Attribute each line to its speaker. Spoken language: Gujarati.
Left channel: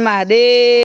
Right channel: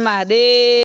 Speaker 1: વનરાવન મહાદેવ.